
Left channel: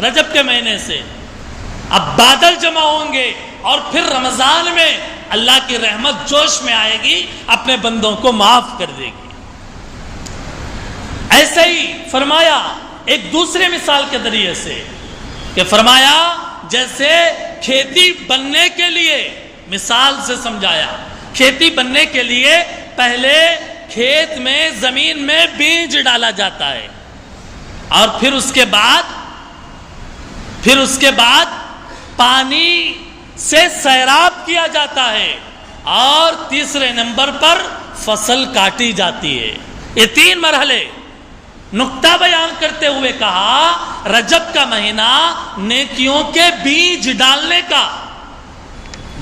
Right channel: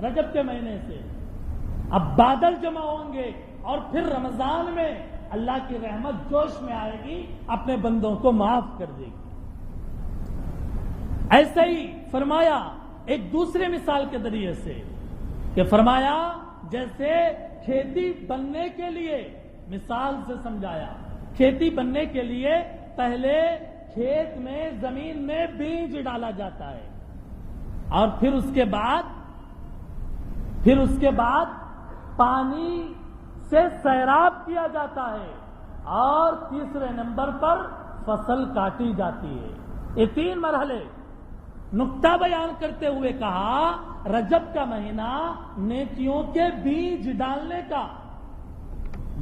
رجب کے مہینے سے۔ اب بادل جمع ہوں گے اور پھر رمضان میں اللہ کی رحمت جوش میں آئے گی، اپنے بندوں کو معاف کر دے گی۔ ایسے ہی فرمایا ایک دوسرے مثال کے ذریعے سے کہ فرمایا جیسے کھیتی بننے کے لیے، مثال سے سمجھایا، کھیتی بننے کے لیے پہلے کھیت میں، زمین میں بیج ڈالا جاتا ہے، اور پھر اس کے بعد پانی سے سیراب کیا جاتا ہے، اور تیسرے نمبر پر فصل کاٹی جاتی ہے۔ یہ 3 مرحلے نقطہ بیان کرتے ہوئے کہا رجب کا مہینہ نیکیوں کے بیج ڈالنے کا،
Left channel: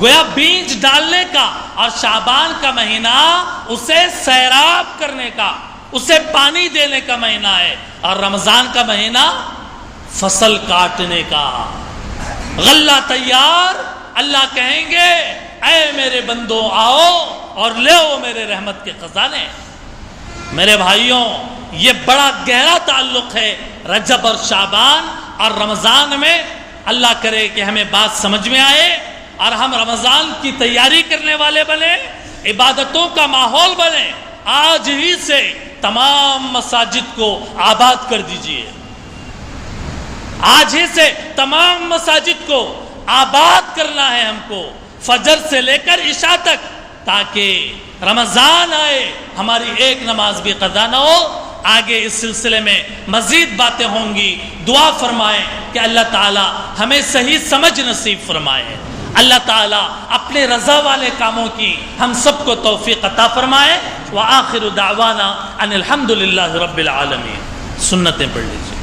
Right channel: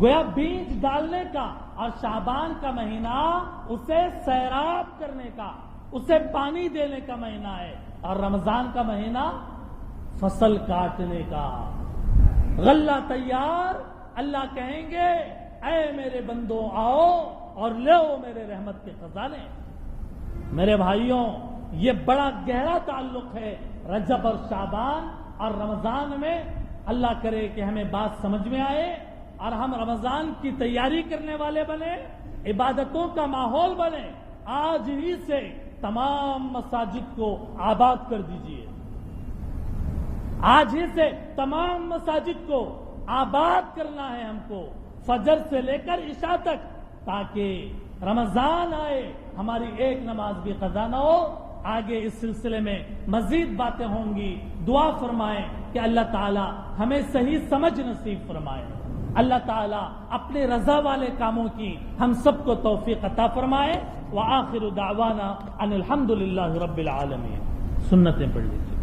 گویا بیج ڈالنے کا، اور شعبان کا مہینہ اسے سیراب کرنے کا، اسے پانی دینے کا مہینہ ہے، اور رمضان کا مہینہ فصل کاٹنے کا۔ غلہ تیار، اللہ کہیں گے اے میرے بندوں آؤ اور لے میرے رحمت کے خزانے۔ میرے بھائیوں، یہ بڑا گہرا تعلق ہے رجب اور شعبان اور رمضان میں۔ اللہ کرے کہ ہمیں بات سمجھ میں آئے اور ہم رمضان کی تیاری کرنے والے بنے، عبادتوں کا ماحول بنے۔ آج ہی سے تمام مساجد کو آباد کر دیجئے، آج ہی سے تمام مساجد کو آباد کرنا ہے ہم کو، فجر سے لے کر عشاء تک، تاکہ رمضان آئے ہماری ایک نماز بھی قضا نہ ہو۔ آگے اس سلسلے میں مزید باتیں ہوں گی۔ دعا فرمائیں کہ اللہ تعالی ہمیں صحیح سمجھ نصیب فرمائے، اللہ تعالی اپنے رضا والے کاموں کی ہم سب کو توفیق عطا فرمائے۔ وآخر دعوانا ان الحمدللہ رب العالمین۔ سنتیں پڑھ لیجیے۔